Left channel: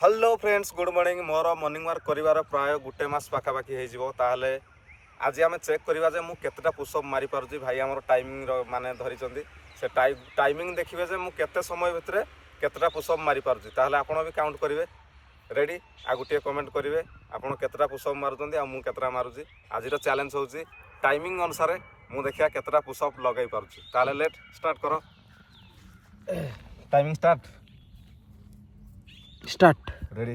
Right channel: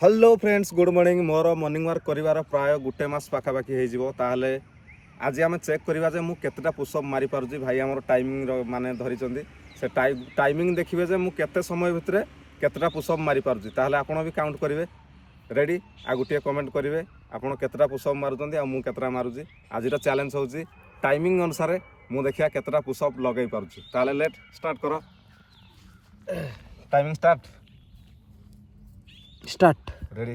Hello friends good morning मोर morning work करिवार प्राय गुटे मास पाखापाखि हो ताहले आज आम चेक करवा जे केतेटा पुशअप मारी पारुछि भाई आमर टाइमिंग माने धरिचंदी से टाइमिंग देखिबे जे मु केते समय भितरे केतेटा पुशअप मारी पारुछि ताहले आपण भी काउंट करिवे रेडी आ गुटे कमेंट करिवे आपण केतेटा पुशअप मारुचंदी आ मु केतेटा मारुछि आजिरा चैलेंज होछि टाइमिंग अनुसार मु देखिया केतेटा पुशअप लगै पारुछि ताहले लेट स्टार्ट करो टाइमिंग स्टार्ट रेडी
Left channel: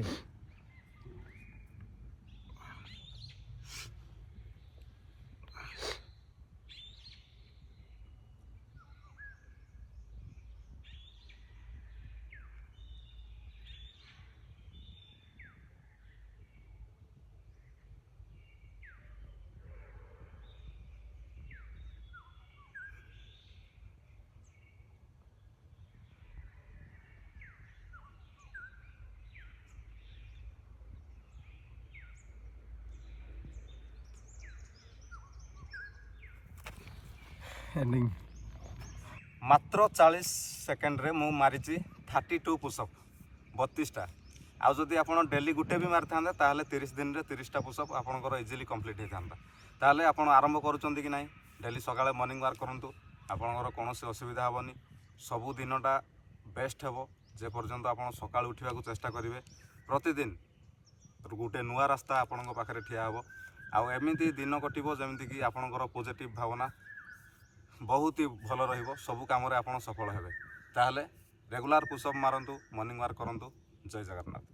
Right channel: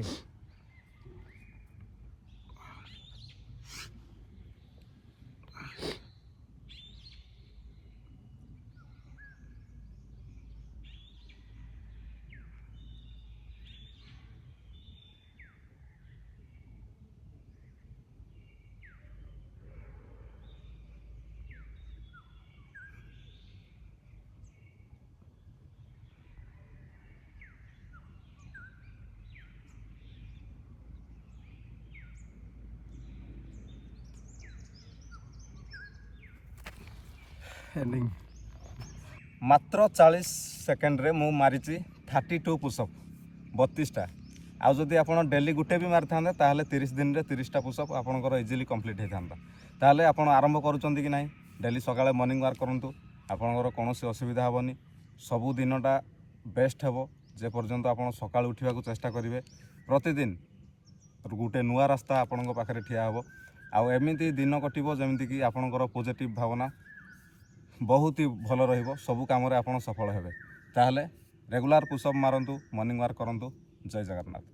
एंडिंग मात्र 40 सेकेंड रे मु मारिची 32 पुशअप 32टा आउ जदि आपण डेली गुटे भी मारि थांते ताहले 30 दिन रे 30टा पुशअप आपनकर इजीली कंप्लीट हे थांता ताहले आपण आरंभ करूचंती कि नाही डेली सकाळे मॉर्निंग वाक करंतु आपनकर कोनोसी असुविधा हबनी सबु दिनटा बेस्ट हेबो जे पर्यंत आपण सकाळ उठिबा को चेष्टा करिवे प्रतिदिन गुटे नुआ रास्ता आपनक पाखरे ठिया हबो आउ एमिति दिन कटिबो जेमिति कि आपनकर पॉजिटिव भावना बहुत ही भल रहिबो सबु काम रे आपण सफल हेबे ताहले रेगुलर पुशअप मारंतु मॉर्निंग वाक करंतु जय जगन्नाथ।